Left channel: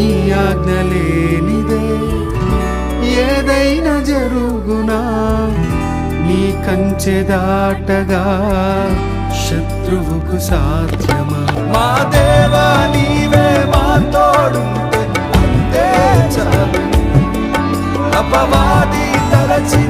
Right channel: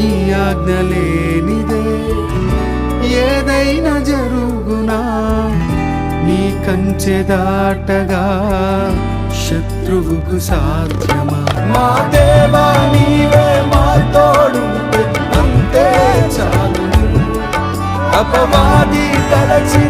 నీ ఆజ్ఞ లేనిదే ఏదైనా జరుగునా, నీ కంచె దాటగా శత్రువుకు సాధ్యమా? మా దేవా నీవే మా తోడుంటే అంతే చాలు. అపవాది తలచి